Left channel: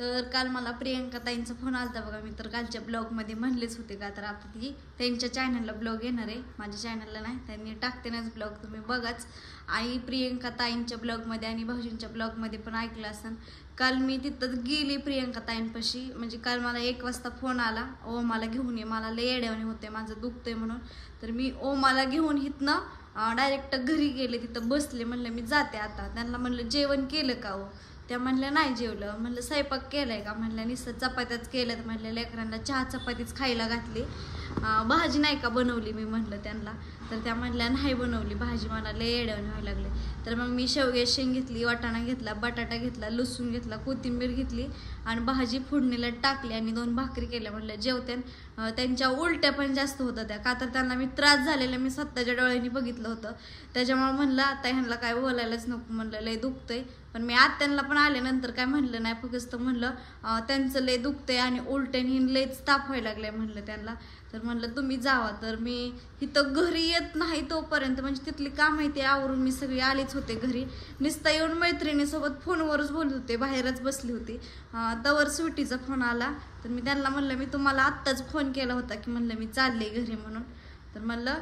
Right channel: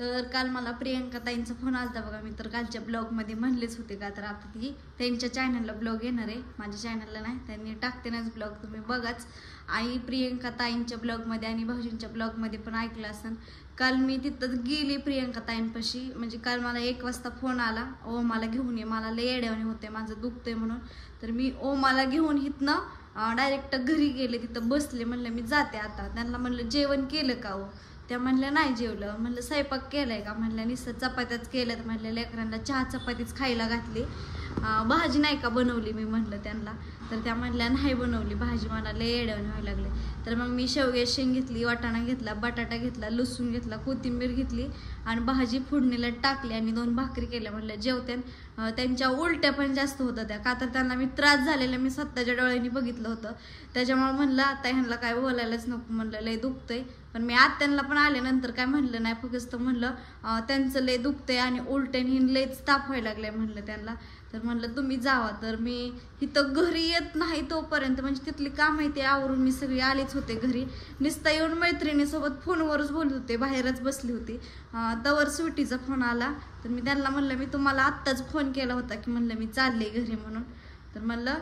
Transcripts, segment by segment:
तर काल मला प्रियंका ताईंचा फोन आलता बघा. मी तर कालच्या ब्लॉगमध्ये म्हणलेच होते का, तर आता ती त्यांच्या चॅनलला ब्लॉग येणार आहे, माझ्या चॅनलला नाही. त्यांनी टाकते नाच ब्लॉग, तुम्ही बघाच. आई प्रियंका ताईंच्या ब्लॉगमध्ये आणि भाऊजींच्या ब्लॉगमध्ये पण ऐकलं असेल. काल मी तिथं गेली प्रियंका ताईंपाशी, म्हणजे काल मला 1 वाजता फोन आला, ओमाला घेऊन ये, मला लय येड्यावानी होते, माझं दुखतंय म्हणून. तर मी ओमाला घेऊन इथनं डायरेक्ट घरी गेले, तिथं बसले. म्हणलं मी जाते आता. त्यांना म्हणलं जेवण केलं का हो? त्या म्हणल्या नाही जेवलं. म्हणलं स्वयंपाक केलाय का? म्हणल्या नुसतं चपात्याच केल्या. तर म्हणल्या लेकरांना चहा चपातीच खायला घातली, भाजी नाही का बनवली मी म्हणलं त्यांना. तर त्या म्हणल्या नाही बनवली भाजी, मला लय येड्यावानी व्हायला लागले. तर मग मी शेवग्याची शेंग घेतली, वाटाणा घेतला, बटाटा घेतला, लसूण घेतला, कोथिंबीर घेतली आणि भाजी फोडणीला टाकली आणि 2 भाकरी केल्या. म्हणलं जेवत्यान. त्यांच्या उलट्या पण जास्त होत्या त्या, का तर त्यांना मी त्रास झालेला मी स्वतःच्या डोळ्यांनी बघितलं होतं. त्याच्यामुळे म्हणलं आता ह्यांना काय बोलायलाच नको, म्हणलं लय दुखतंय. पण मी आत्यांना पण आल्यानंतर काय म्हणलं नाही, फक्त म्हणलं त्यांचं लय दुखतंय आणि उलट्याने लयच ताप व्हायला लागलाय म्हणलं त्यांना. तर म्हणलं तुम्ही जावा. तर मी इथं घरी येत नाही तोपर्यंत, म्हणजे तिथली काम आहे ते आवरून मी सगळी आलीच होते घरी. नुसतं येऊन मैत्रिणीसोबत फोनवरच बोलत होते, बाहेरच बसली होती. तवर सुटीचा फोन आला. तर मी त्यांना म्हणलं मी तुम्हाला आत्ताच फोन केला होता की म्हणलं मी चालले घरी म्हणून. तर म्हणलं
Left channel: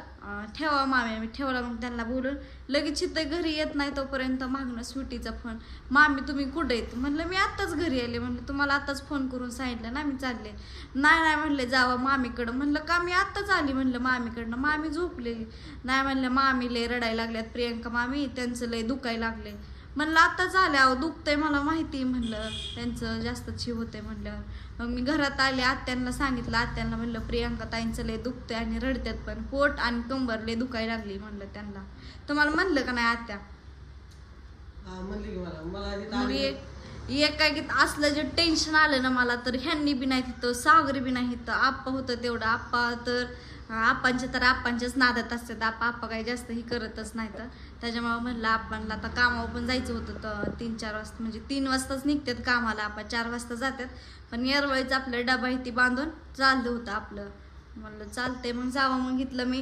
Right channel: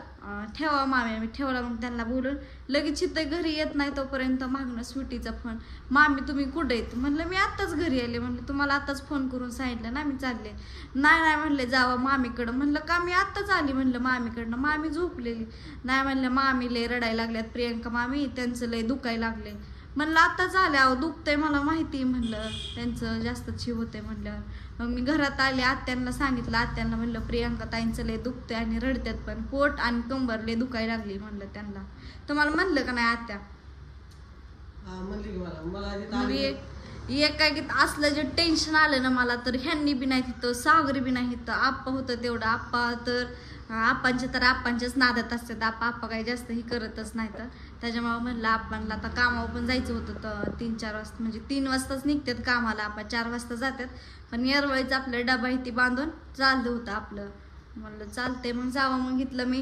ठेवा मामी. मी ठेवला. मग त्यांना बोलून लगेच इथं घरी येत नाही तोपर्यंत मागणं स्वीटीचा फोन, मामी तुम्ही कुठे आहेत? म्हणलं मी आत्ताच घरी आले. म्हणलं तुम्हाला आत्ताच फोन करून सांगितलं ना मी चालले. नाही म्हणले जावा मामीकडं. म्हणलं का? मी आत्ताच आली म्हणलं मामीकडनं. मामी झोपलेली. नाही म्हणलं मामी लय रडायला लागल्यात प्रियंका मामी, त्यांचं लय दुखायला लागले. म्हणलं आत्ताच आले. अहो दुखतंय मला माहिती, म्हणलं त्यांचं जास्त जीव होतंय म्हणल्यावर. मग मी घरात आले, आत्यांना सांगितलं. आत्यांना म्हणलं प्रियंका ताईंचं लय दुखतंय आणि रडत्यात पण, पोट आणि कंबर लय दुखायला लागली म्हणलं त्यांना. तुम्हाला म्हणलं का नाही आत्या? मग एक काय असलं जे टेन्शन आलं ना मला, तर ह्यांनी बी नाही तिथं, सागरी बी नाही तिथं, आप्पा होतं तेवढं. आप्पा तर आप्पांच्याच नादात असतात. आप्पा काही जास्त ही करतच नाही. तर त्याच्यामुळे म्हणलं आपणला आता कामावर पण जायचं होतं. तर 3-4 वाजता, म्हणजे 3 वाजताच निघतात कामाला, आपण 4 वाजता जातात. पण यावेळीच आपलं डबा इथे बांधून चाललं होतं आपलं. म्हणलं चालतंय मग जावं. मग इथलं मी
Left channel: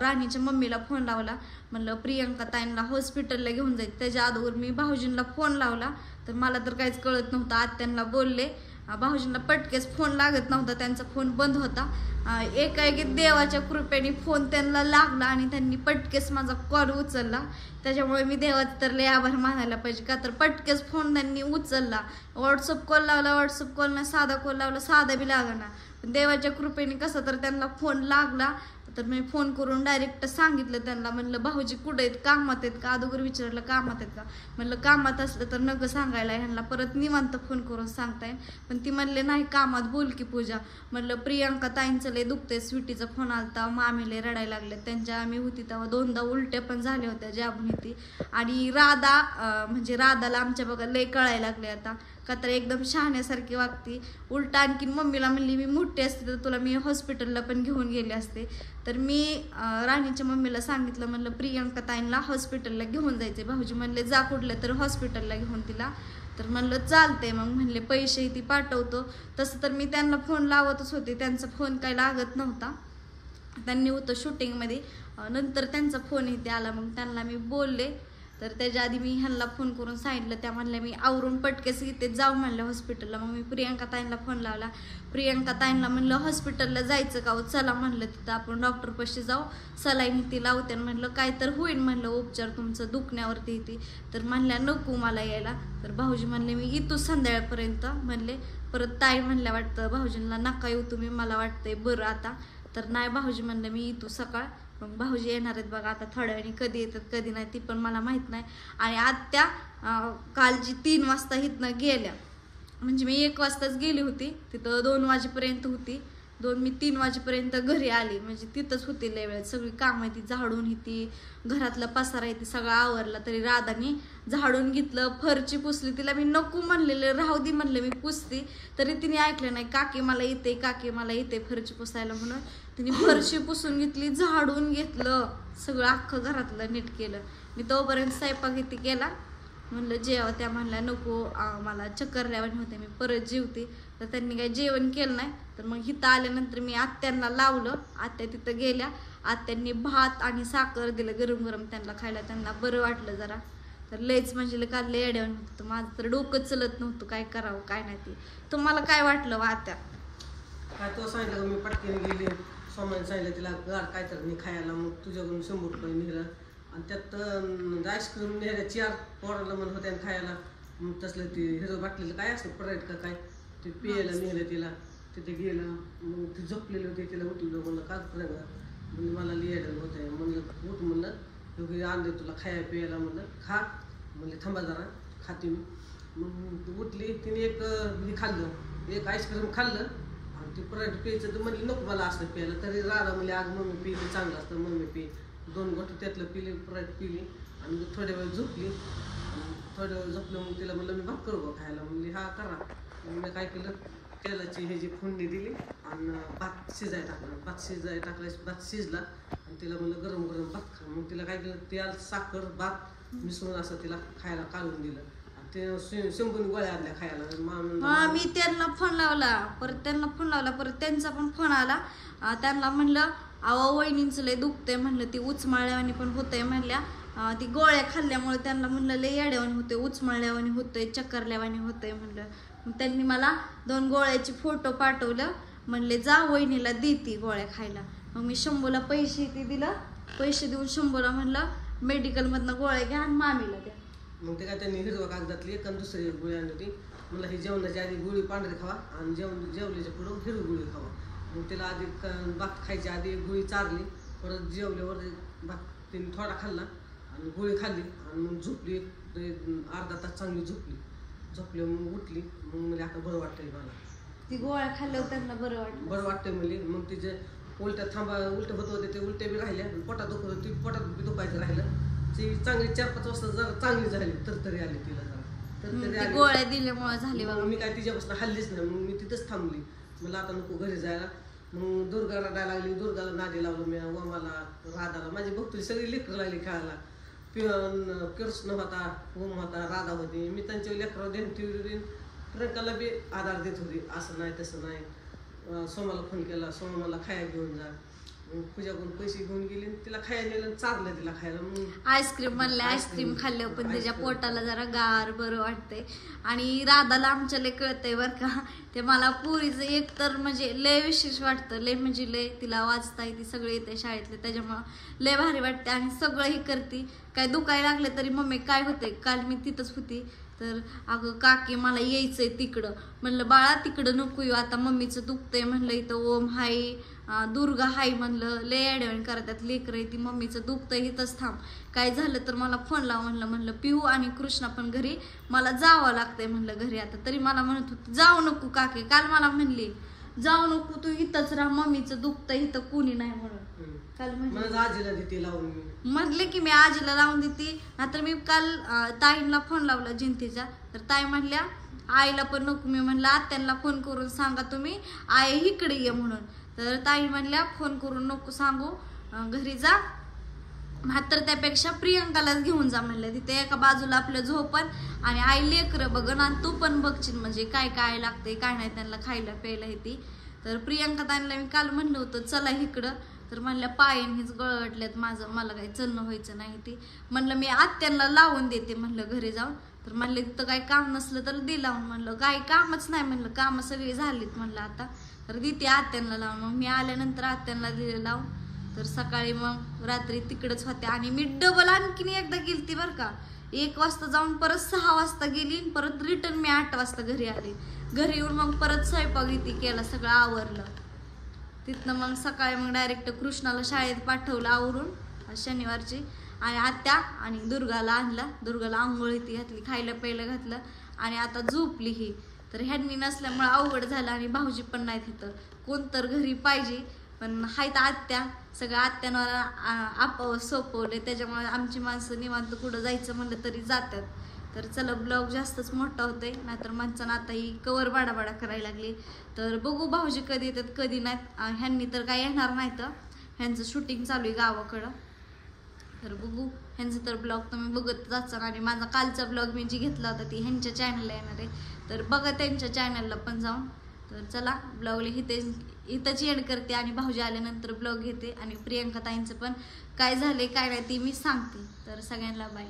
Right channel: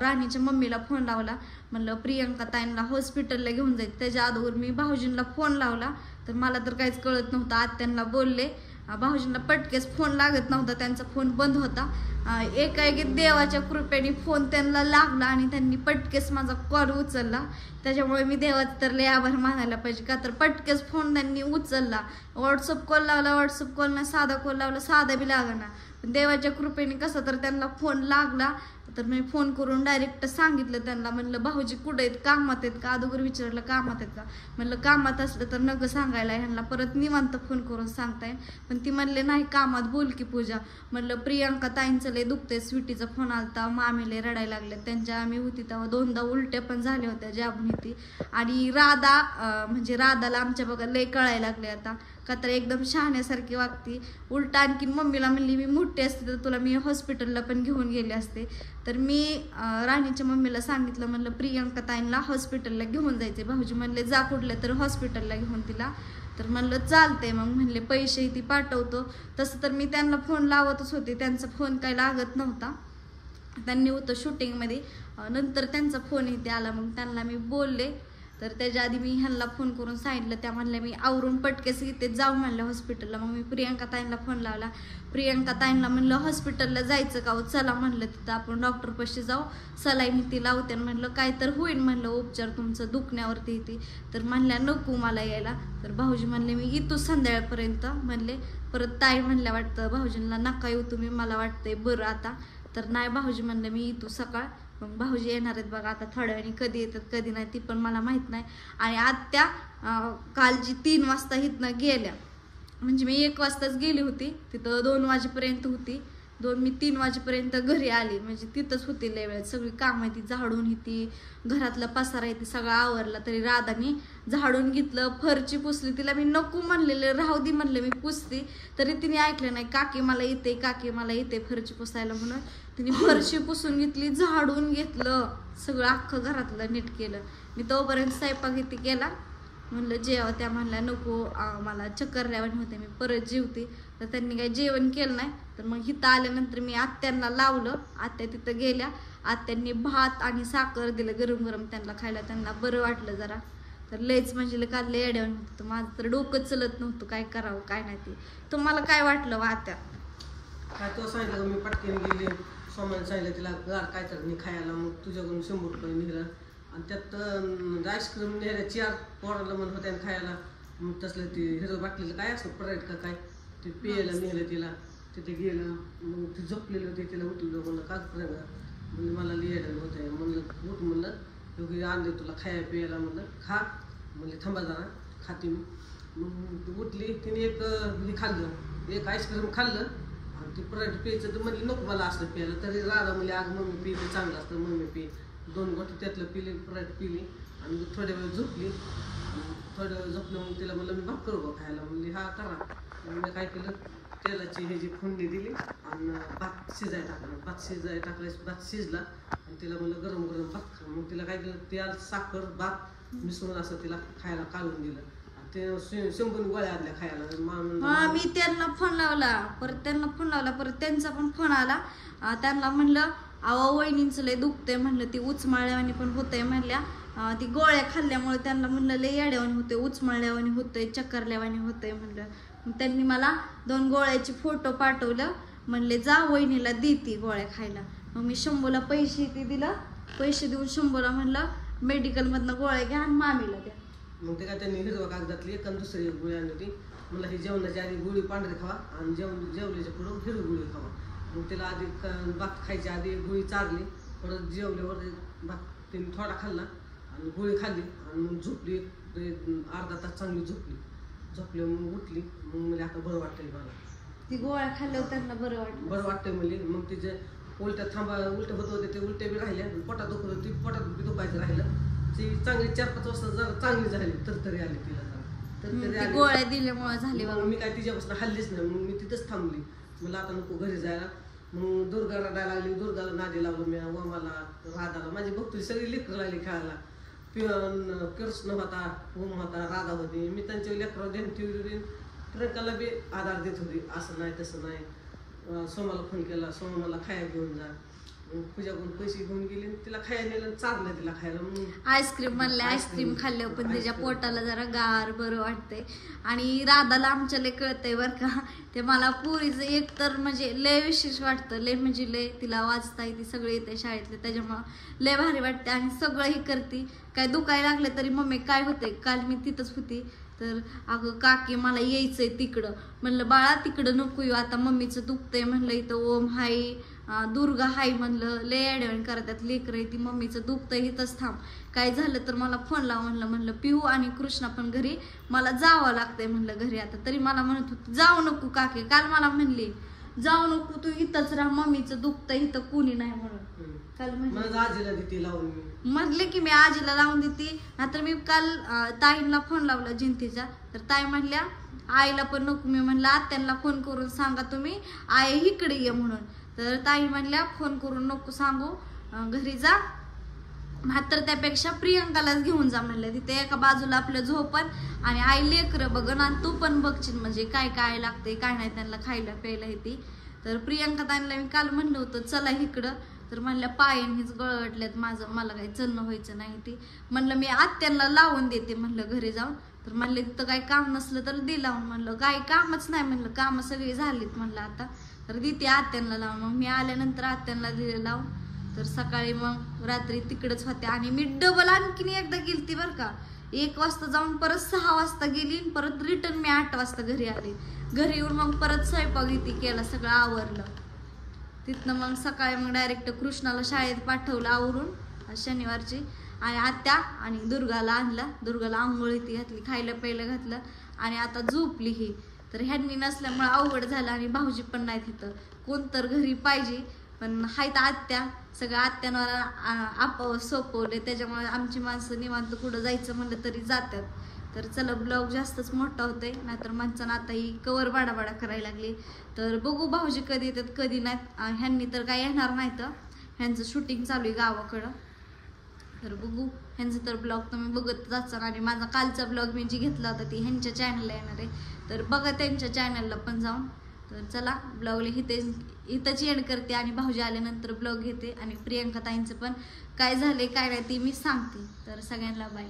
राणीच्या मम्मीला फोन लावला. म्हणलं प्रियंका ताईंना हॉस्पिटलला घेऊन जायचं. त्याच्या अगोदर मी भाऊजींना फोन लावला. तर मला तर काहीच कळत नव्हतं. आत्यांना बोलले, भाऊजींना पटकेच फोन लागत नव्हता, त्यांचा फोन बंद होता. एकाएकी देवाच्या कृपेने फोन त्यांना लागला आणि त्यांनी पटकेस माझा कॉल उचलला. त्याच्यामुळे मी देवाचं तर लय आभार मानायला पाहिजे, का तर पटकेस फोन त्यांनी उचलला. व्हॉट्सअप कॉल लावला, व्हॉट्सअप कॉल ना साधा कॉल लावला, साधा बी लागना. पण देवाच्या कृपेने कसं तर त्यांना फोन लागला. तर मी फोन करून डायरेक्ट सांगितलं त्यांना, म्हणलं भाऊजी कुठे आहेत, कामात आहेत का? अगोदर विचारलं कामात आहेत का? म्हणलं कामात असलं तर नको सांगायला, ह्यांना परत निवांत फोन करून सांगताय. पण ती म्हणले नाही कामात, बोल की पूजा. म्हणलं प्रियंका ताईंचं लय दुखतंय, स्वीटीचा फोन आलता, मामीले रडायला लागले. त्यांच्या आम्ही होती तेव्हा 2दा उलट्या पण झाल्या होत्या, जाबून होती. आणि राधा म्हणजे राधाला आमच्या बघा लय कळायला लागले आता, का तर एकदम शहाण्यासारखी वागती. उलट आणखीन मम्मीला म्हणली मी मोठी असते तर तुला मी हॉस्पिटलला पण घेऊन गेले असते. तर मी राणीच्या मम्मीला सांगितलं, म्हणलं प्रियंका ताईंना हॉस्पिटलला घेऊन जायचे. भाऊजी म्हणले जा कुठलं तर हॉस्पिटलला घेऊन तिला. तर म्हणलं चालतंय. मग म्हणले पैसे ती पाठवतो. तसं तर मी त्यांना फोन लावतच होते, त्यांचा फोन काही लागत नव्हता, त्यांनी होतं शूटिंगमध्ये. नंतर त्यांचा फोन इथे आला, मग त्यांना मी बोलले. तर त्याच्या आधी मी ह्यांना फोन करून सांगितलं. त्या म्हणल्या मी आवरून पटकेस इथे जाऊ म्हणलं हॉस्पिटलला. मग मी प्रियंका ताईंना फोन लावला. प्रियंका ताईंना म्हणलं हॉस्पिटलला जायचं का? चला म्हणलं तिथं आपण डॉक्टरपाशी जाऊ, सलाईन ती लावते. म्हणलं काय तर होईल म्हणलं उपचार तुमचं दुखण्यावरती इथे. तर म्हणल्या नको मला यायला. तर भाऊजी म्हणले मी येतो संध्याकाळपर्यंत म्हणले. परत ताई म्हणल्या वाटतं भाऊजींना नका येऊ तुम्ही, मला वाटतंय बरं आता. तर नाही भाऊजी म्हणलं मी येतो सकाळ. मग भाऊजी येणार आहेत बघा आता थोड्या वेळी, कधी येतात कधी नाही ती पण मला माहित नाही. आणि आत्या कालची 3 वाजता इथनं गेल्या, म्हणजे मी 1 वाजताच गेली होती तिथं, 2 वाजेपर्यंत होती. मी 3 वाजेपर्यंत घरी आली, म्हणजे तिथंच होती लय वेळेत. सगळी कामं ती झाडून ही घरातला पसारा आहे ती सगळं आवरला. तरी राधानी झाडून घेतलं, फरची पुसली. तिला मी नको म्हणलेलं, राहू दे म्हणलं मी पुसते, तरी तिने ऐकलं नाही. काकी मला येते, काकी मला येते फरची पुसायला म्हणून तिने फरशी पुसून घेतली, झाडून घेतलं, सगळं अख्खं घरातलं नीट केलं. मी तोपर्यंत स्वयंपाक इथे केला. म्हणलं जेवा. त्या म्हणल्या नको मला चक्कर लावणी होते, मी परत जेवते. तर त्यांनी काही जेवण केलं नाही. तर मग इथं आल्यानंतर मी आत्यांना लावलं. आत्या तिथं गेल्या. आत्यांनी भात आणि साखर दिलं गरम गरम त्यांना खायला, त्यांना बरं वाटलं जरा. तर लयच म्हणजे काल लय अडवण होतं माझं तर डोकं चलत नव्हतं काय करावं काय नाही ते. तुम्हाला काय वाटलं वात्या? काय तो सांगितलं मी पटकन गेली सोमाने सांगितलं तिला गार काय तर नाही खायला मग तुझ्याकडून 100 रुपये निघाला आणि त्यात आईस्क्रीम नेल्या 4 पोराला म्हणत होत्या खायला मग तसलं ते हिरो बाटलेलं काय असतं परायट का काय ते पियाला निघालं तिला तिथे गेलं मग ते झोपलेले होते तिला उठलं म्हणलं काचपर्यंत म्हणजे मला लिहायला होत आहे म्हणलं उठ म्हणलं दोघे आणले तुला खायला प्यायला म्हणलं खा म्हणजे थांबा जरा खाते मी मग उठली तिने एक हे खाल्लं एक आईस्क्रीम खाल्लं आणि ते परायट प्यायचं तर म्हणली नको मला असं प्यायला तरी राधा म्हणजे अगं मम्मी पी ते चांगलं असतं मम्मी पी 2 गोष्टी त्यातलं पिली परायट पिली आणि थोड्या वेळ झोपली थोड्या वेळ झोपलं मग तिला म्हणलं मी भात करू का खायला म्हणली हा करा मी काय केलं तेलाची ह्याची फोडणी दिली आणि भात शिजायला टाकला भात शिजला आणि तिला म्हणलं गरम गरम भात खा मग तिला काय केलं तेल साखर भात मिसळून असं तिला खायला काढून दिलं आणि ते 100 गोळ्या आणल्या खायला. मी त्यांना फोन लावला परत त्यांचा पण फोन आला त्यांना म्हणलं अहो वहिनींचं लय दुखतंय म्हणलं ती उचमाळल्यावानी पण होतंय म्हणल्या ती गोळ्या खाल्ल्यामुळे त्यांना म्हणलं लय येड्यावानी होते उचमळल्यावानी होतंय चक्करल्यावानी होतंय म्हणलं. मग त्यांनी मला 2 गोळ्याचे फोटो पाठवलं म्हणले जा वहिनीला दे ती गोळ्या खायला. मग मी 100ला पैसे ते दिलं पैसे देऊन 100ला म्हणलं मेडिकलमधनं गोळ्या घ्या आणि मामीला द्या. मग ते काय त्यांनी हिरवा कागदातली एक आणि दुसरी गोळी आणली ती मला ही जेवणाच्या आधी गोळी पांढरी खावा आणि जेवल्याच्या पुढं हिरवी गोळी खावा मग तिला आधी भात खायच्या आधी एक गोळी चारली परत जेवल्यावर भात तिने थोडा खाल्ला आणि गोळी खाल्ली आणि मग झोपली अर्धा तास चांगली झोपली मग उठली मग म्हणजे आता बरं वाटतंय मला ती गोळ्या खाल्ल्यावर त्यांना बरं वाटतंय म्हणजे मग तिचे उलट्या उलट्या होत होते ते उलट्या बी राहिल्या पोटात दुखत होती पोटात बी दुखायचं राहिलं ती चांगली 4-5 वाजता जरा चांगली झाली तरतरी आली तिला जरा गोळ्या दिल्यामुळे झाली मग मी काय तिच्यापासून हल्लीच नाही मग मी तिथंच थांबली मला आता नको घरी जायला मग दुर्गाला जायला लागली दुर्गाला नादी लागलो मी वमाला राधाला माझी भक्ती सगळी लेकरं लागली खेळायला कृष्ण होता ओम होता राधा होती मी त्यांच्या लेकरावर देईन ट्रकाला बी आधार देत होती असं नाही तसं नाही सोमाला फोन केला सोमा मला खायला घेऊन जा पूजाकडून पैसे घेऊन गेले तिला खायला चाललंय तिला खायला आईस्क्रीम म्हणले आईस्क्रीम खाल्ल्यावर पण त्याच्या पोटाला जरा गार बरं वाटतंय. आणि राधाला आमच्या लय कळतंय बरं का ते मला पुरीचं एक तर म्हणजे लय विशेष वाटतं लय म्हणजे लय तिला वाचता येते सगळे येते शाळेतले त्याच्यामुळं लय भारी वाटते आणि सगळं ही करते काय दुखायला लागलं तरी मम्मी काय होते काल मी तिथंच होती तर अगं काकी मला यायचंय तिकडं म्हणलं बाळा तिकडं नको येऊ आता मम्मीचं दुखतंय म्हणलं इथं ओम हाय दुर्गा हाय म्हणलं लय अडवण करतात लेकरं ती मम्मीचं दुखतंय इथंच थांब काय झालं तर मला फोन लाव म्हणलं पिहू आणि कृष्णा पण घरी मला जावं लागतंय म्हणलं घरी आता तरी मला म्हणत होती जाऊ नको काकी काल मला म्हणली जाऊ नको तू इथंच राहा मम्मीचं दुखतंय इथं कुणी नाही म्हणून काल म्हणले की मी आजीला लावून देते नाहीतर मी काल ताईंना फोन लावला जिंतीचा तर ताई म्हणल्या आईला पण नको मी म्हणलं आत्यांना फोन करून सांगा तुम्ही आई इकडे ये म्हणून तर ताई म्हणल्या फोन करून नको सांगू घरी जा मात्र त्यापेक्षा प्रियंकालाच घेऊन जा म्हणलं तिथे एका बाजूला आपलं झोपण आणि आई लेकरं बघन आणि तू पण बघशील म्हणजे काय काय लागतंय काय नाही त्यांना खायला प्यायला येते. तर प्रियंका ताईंना मी काल म्हणलं होतं चला इकडं तर म्हणल्या पायन हेच गळटल्यात माझं मला काही चलणं व्हायचं नाही ती म्हणलं मी आत्यांना लावून देते म्हणलं घरी जाऊन तर म्हणले तिथं काही काम नसलं तर दे लावून म्हणलं काही कामच नाही म्हणलं कामं सगळी झालीत म्हणलं आता तर देते आत्यांना लावून मग मी आल्यानंतर आत्यांना दिले लावून तर सकाळी मग रात्री तिकडच होते आणि मी डबल आणखीन एकदा गेलती बरं का 1 वाजता जाऊन परत 6 वाजता गेली परत रिटर्न मी 8 वाजता घरी आले घरी येऊन मग परत स्वयंपाक इथे केला सगळं आवरलं तिथनं मग सकाळी मग डायरेक्ट कृष्णाला शाळेत पाठवलं आवरून शनिवारची आणि आत्या आणि दुर्गाला आणला दुर्गाला आंघोळी ती घातली खायला प्यायला घातलं आणि आता झोपली ही तर ह्यांनी नसल्यामुळे अवघड झालं आणि भाऊजी पण नाही तिथं कोण तर घरी पाहिजे पण हायत आत्या सगळ्या आत्यांवर आपावर सोपवले त्याच्यामुळे आमची माणसं निवांत कुठं जायचं म्हणलं तरी जातात. तर चला ब्लॉग जास्तच मोठा होतोय नाहीतर माणसानं आता ही कवर बाडाबाडा करायला लागली तर बघू भाऊजी कधी येतात कधी नाहीत ह्यांनी तर काय येणार नाही तर ह्यांचं शूटिंग चालू आहे गावाकडं तर बघू ह्यांचं तर ब्लॉग तुम्ही बघत जाचाल आणि माझा कालचा ब्लॉग मी जी घेतला होता ती ह्यांच्या चॅनलला येणार आहे तर बघा त्यांच्या चॅनलला पण जाऊन. तर चला ब्लॉगला इथंच एंड करते आणि भाऊजी आल्यानंतर ब्लॉग घेते आणि प्रियंका ताईंचं पण काय झालंय काय नाही ती मी सांगते. तर सगळ्यांना बाय.